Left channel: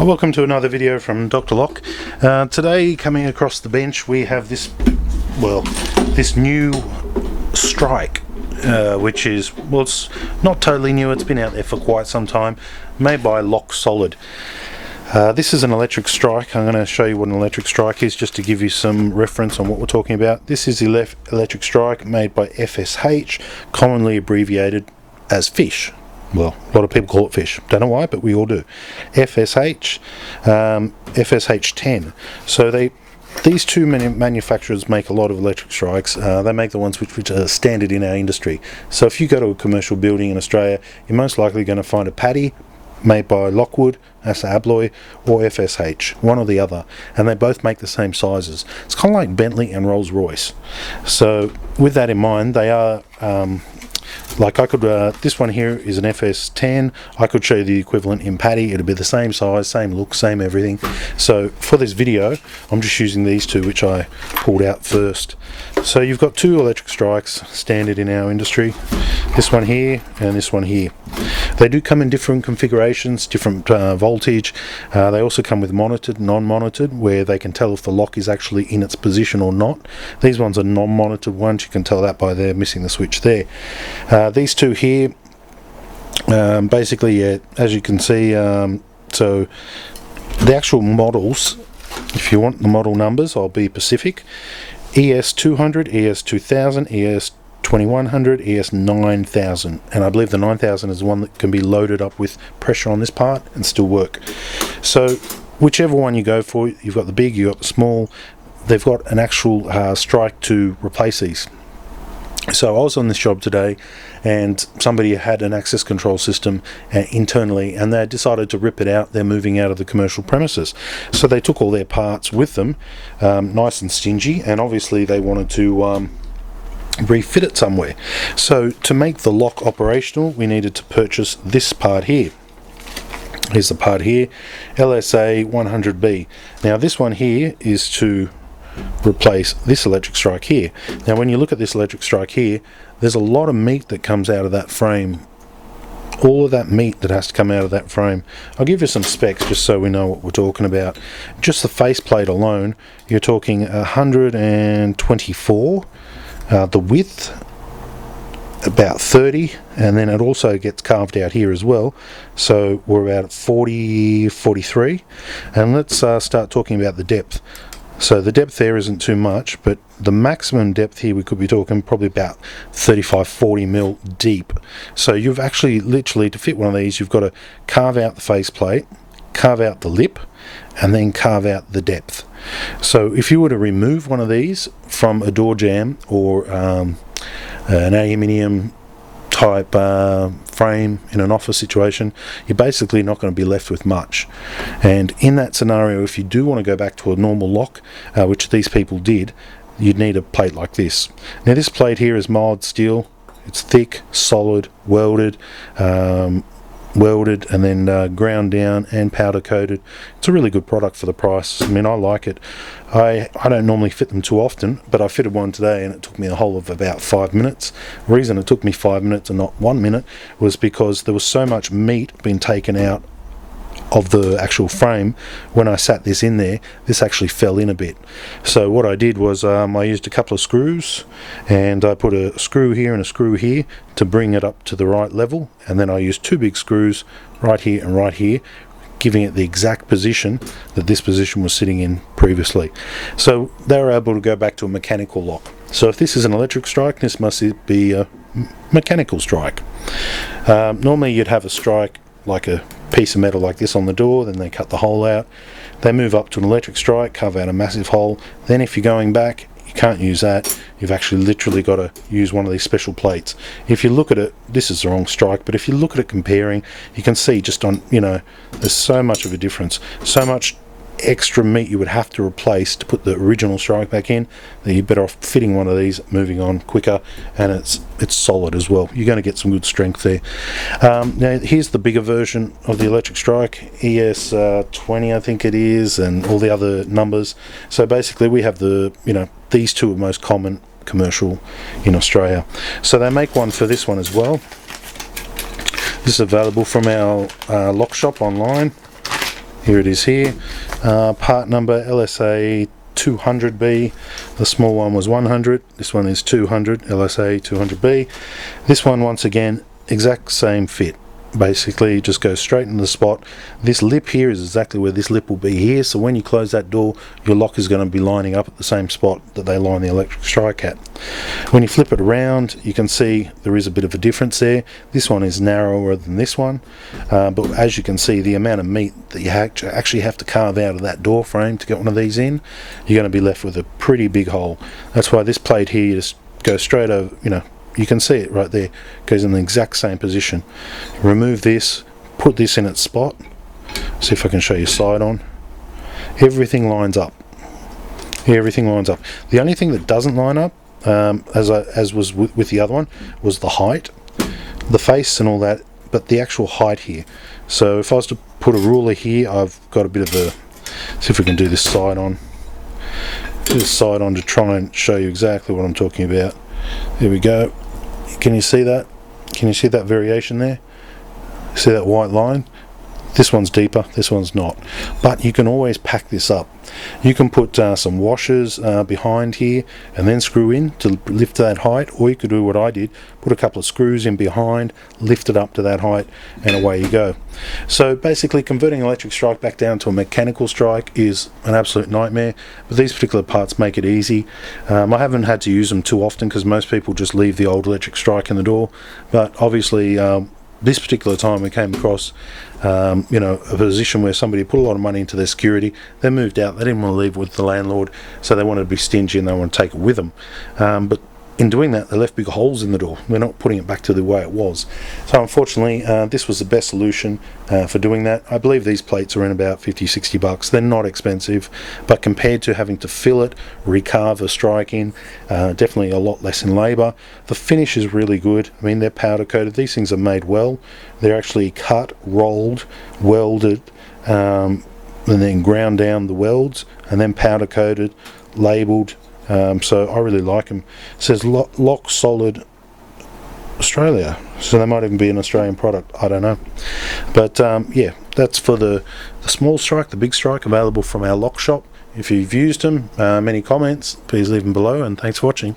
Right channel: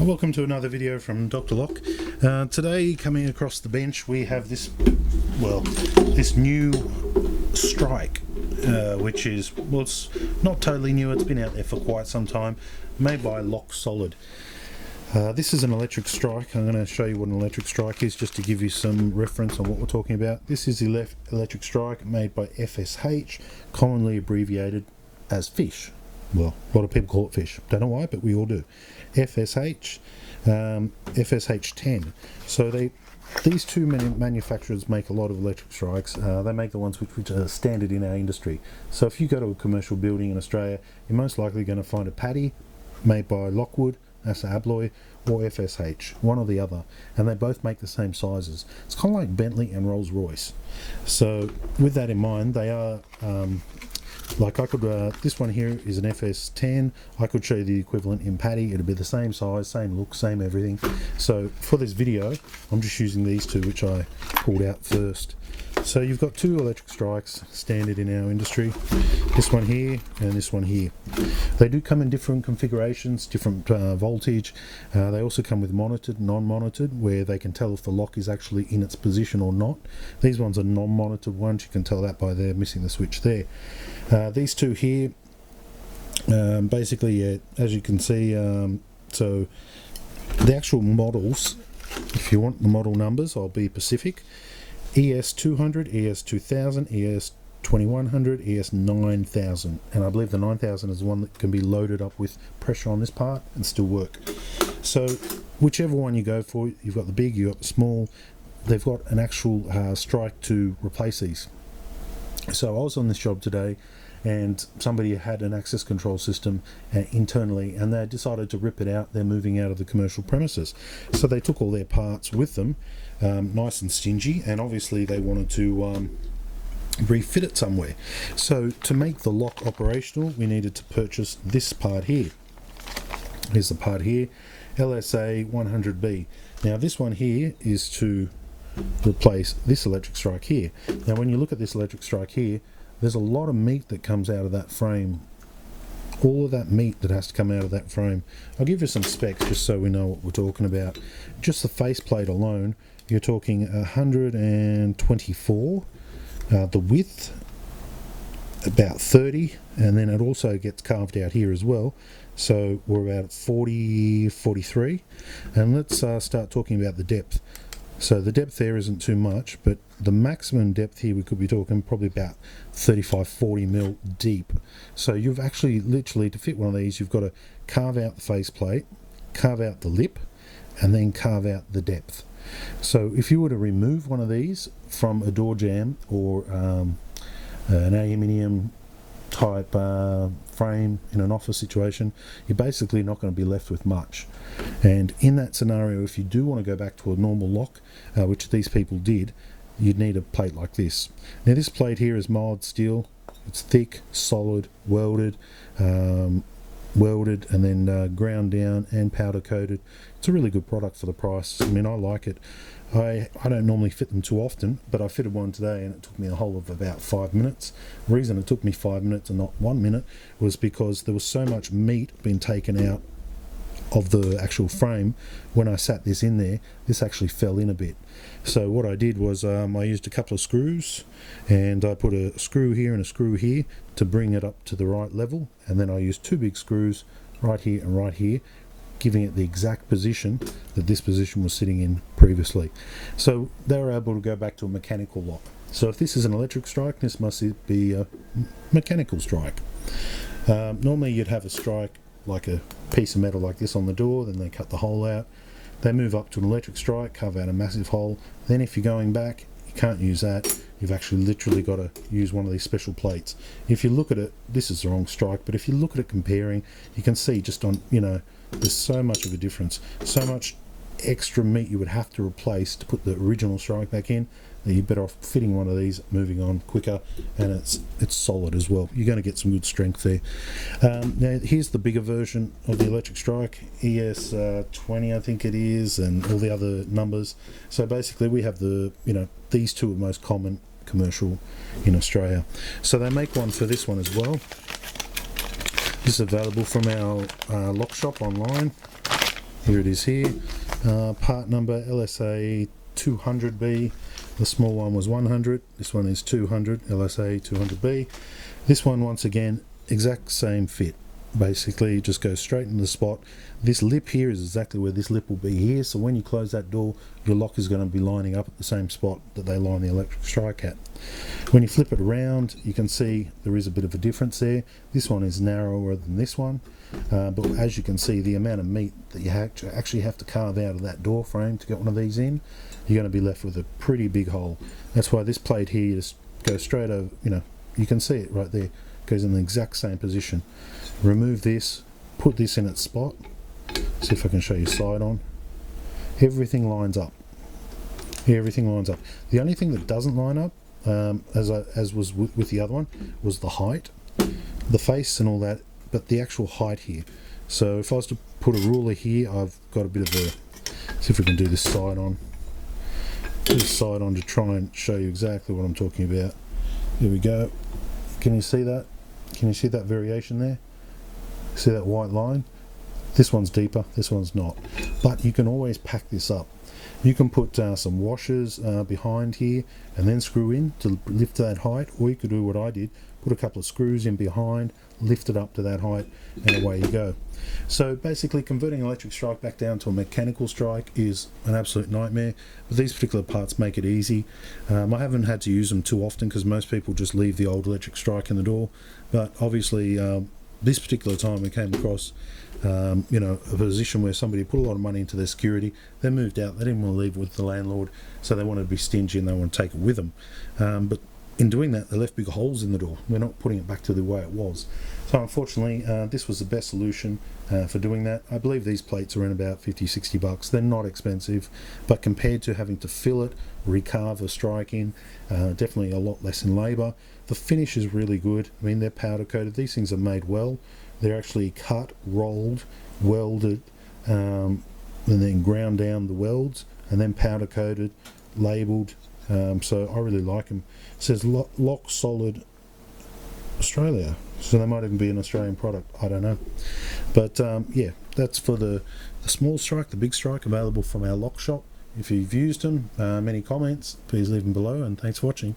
Welcome to another video from Dr. Lock. Today, coming across the bench, we have this new strike, which is, well, it's not totally new, it's been out there for quite some time, made by Lock Solid. This is an electric strike. I'm going to show you what an electric strike is just to give you some reference on what we're talking about. This is the electric strike made by FSH, commonly abbreviated as FISH. Well, a lot of people call it FISH. Don't know why, but we all do. FSH, FSH10. So these two manufacturers make a lot of electric strikes. They make the ones which are standard in our industry. So if you go to a commercial building in Australia, you're most likely going to find a paddy made by Lockwood, Asa Abloy, or FSH, one or the other, and they both make the same sizes. It's kind of like Bentley and Rolls-Royce. So with that in mind, they are like I could, this one here is an FS10. I could show you the equivalent in paddy. It'll be the same size, same look, same everything. So for this video, I'm just using these two, which I pulled out first. So you've got two electric strikes, standard in our industry. This one here and this one here. They do come in different configurations, different voltage. They also come with monitored, non-monitored, where they can tell if the lock is actually in its position or not. These ones are non-monitored ones. You can tell that by there missing the switch there. These two here, basically, as you can see, so the actual models, if you want the model numbers, I'll be Pacific. ES200, ES2000, ES2100, ES9000, and I believe the 9000 is the one that can be loaded up with pressure on this part and still work. So whichever one you go for, you've got the big, you've got the small. They've got an actual strike to replace these. So I was on this job today and somebody had an access control system internally, and they decided to rip it out. They're moving out of the commercial premises, so they took all their parts with them, nice and stingy, and obviously they wanted to refit it somewhere. So to make the lock operational, we needed to purchase this part here. Here's the part here, LSA 100B. Now this one here is to replace this electric strike here. Now when you look at this electric strike here, there's a lot of meat that comes out of that frame. All of that meat that has to come out of that frame. I'll give you some specs just so we know what we're talking about. Just the faceplate alone, you're talking 124. The width about 30, and then it also gets carved out here as well, so we're about 43. And let's start talking about the depth. So the depth there isn't too much, but the maximum depth here we could be talking probably about 35-40 mil deep. So you've actually literally, to fit one of these, you've got to carve out the faceplate, carve out the lip, and then carve out the depth. So if you were to remove one of these from a door jamb or an aluminium type frame in an office situation, you're basically not going to be left with much. And in that scenario, if you do want to go back to a normal lock, which these people did, you'd need a plate like this. Now this plate here is mild steel. It's thick, solid, welded, and then ground down and powder coated. It's a really good product for the price. I mean, I like it. I don't normally fit them too often, but I fitted one today and it took me a whole of about 5 minutes. The reason it took me 5 minutes and not 1 minute was because there was so much meat being taken out of the actual frame. When I sat this in there, this actually fell in a bit. So what I did was I used a couple of screws, and I put a screw here and a screw here to bring it up to the right level, and then I used two big screws right here and right here, giving it the exact position that this position was sitting in previously. So they were able to go back to a mechanical lock. So if this is an electric strike, this must be a mechanical strike. Normally you'd have a strike like a piece of metal like this on the door, then they cut the hole out, they move up to an electric strike, carve out a massive hole. Then if you're going back, you can't use that. You've actually literally got to use one of these special plates. If you look at it, this is the wrong strike, but if you look at it comparing, you can see just on, there's so much of a difference, so much extra meat you would have to replace to put the original strike back in, that you're better off fitting one of these, moving on quicker, and it's solid as well. You're going to get some good strength there. Now here's the bigger version of the electric strike, ES20 I think it is, and all the other numbers. So basically we have the, these two are most common commercial in Australia. So they make one for this one as well. This is available from our lock shop online. Here it is here. Part number LSA 200B. The small one was 100. This one is 200, LSA 200B. This one, once again, exact same fit. Basically just go straight into the spot. This lip here is exactly where this lip will be here, so when you close that door, your lock is going to be lining up at the same spot that they line the electric strike at. When you flip it around, you can see there is a bit of a difference there. This one is narrower than this one, but as you can see, the amount of meat that you actually have to carve out of that door frame to get one of these in, you're going to be left with a pretty big hole. That's why this plate here, you just go straight over, you can see it right there, goes in the exact same position. Remove this, put this in its spot. See if I can show you side on. Everything lines up. Everything lines up. The only thing that doesn't line up, as was with the other one, was the height, the face and all that, but the actual height here. So if I was to put a ruler here, I've got a bit of a, see if we can do this side on. Do this side on to try and show you exactly what I'm talking about. There we go. Can you see that? Can you see that variation there? See that white line? This one's deeper, this one's not. But you can always pack this up. You can put some washers behind here and then screw in to lift that height, or you could do what I did, put a couple of screws in behind, lift it up to that height, and away you go. So basically converting electric strike back down to a mechanical strike is an absolute nightmare, but these particular parts make it easy. I haven't had to use them too often because most people just leave the old electric strike in the door, but obviously this particular time we came across a position where somebody put a lot of money into their security. They moved out, they didn't want to leave with the landlord, so they wanted to be stingy and they want to take it with them, but in doing that they left big holes in the door. We're not putting it back to the way it was. So unfortunately this was the best solution for doing that. I believe these plates are in about 50-60 bucks. They're not expensive, but compared to having to fill it, recarve a strike in, definitely a lot less in labour. The finish is really good. I mean, they're powder coated. These things are made well. They're actually cut, rolled, welded, and then ground down the welds and then powder coated, labelled. So I really like them. It says Lock Solid Australia, so they might even be an Australian product, I don't know. But yeah, that's for the small strike. The big strike available from our lock shop. If you've used them, any comments, please leave them below, and thanks for watching.